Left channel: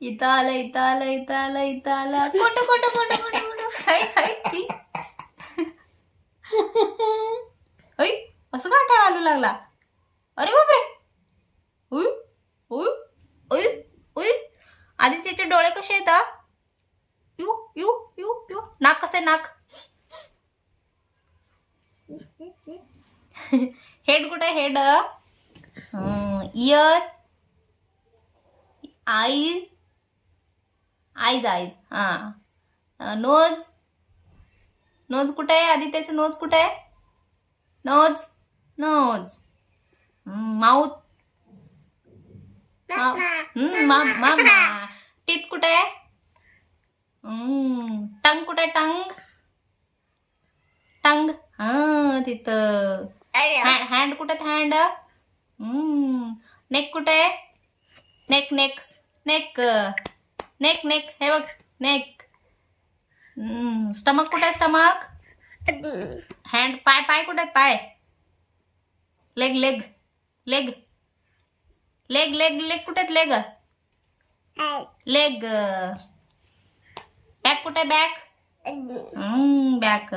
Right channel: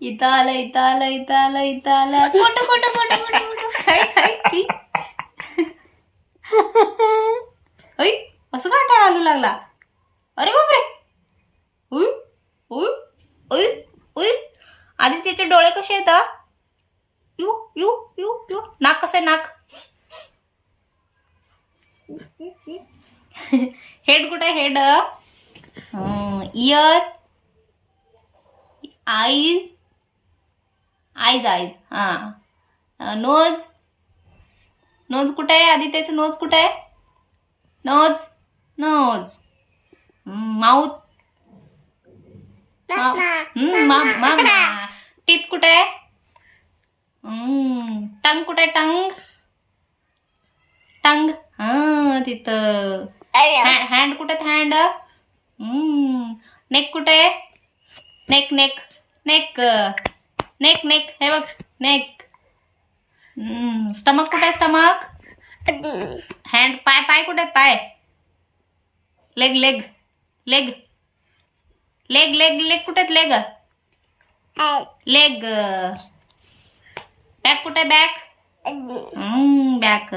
इथं आलं इथं आलं इथं आलं इथं आलं कोट कोट कोट कोट हाय हाय ऐ असं काय काय आलू लागला. अरे बापरे. उय उय उय उय. आधी त्याचे डोळे कसे येतात. You you you you. नाक कसं आहे नाक. हेड कुठे आहे head. Year eyes eyes eyes हा. नोज नोज कुठे आहे. आधी त्याचं नोज कुठे आहे. Nose nose. माउथ टीथ कुठे आहे. टंग कुठे आहे टंग टंग हा तिथं. हँड कुठे हँड. नेक कुठे आहे. Neck neck neck neck neck हे बघ नेक. स्टमक कुठे आहे स्टमक. हँड पाय पाय कुठे आहेत पाय. Leg leg leg leg leg leg कुठे आहेत लेग. लेग. बॅक कुठे आहे बॅक. बॅक.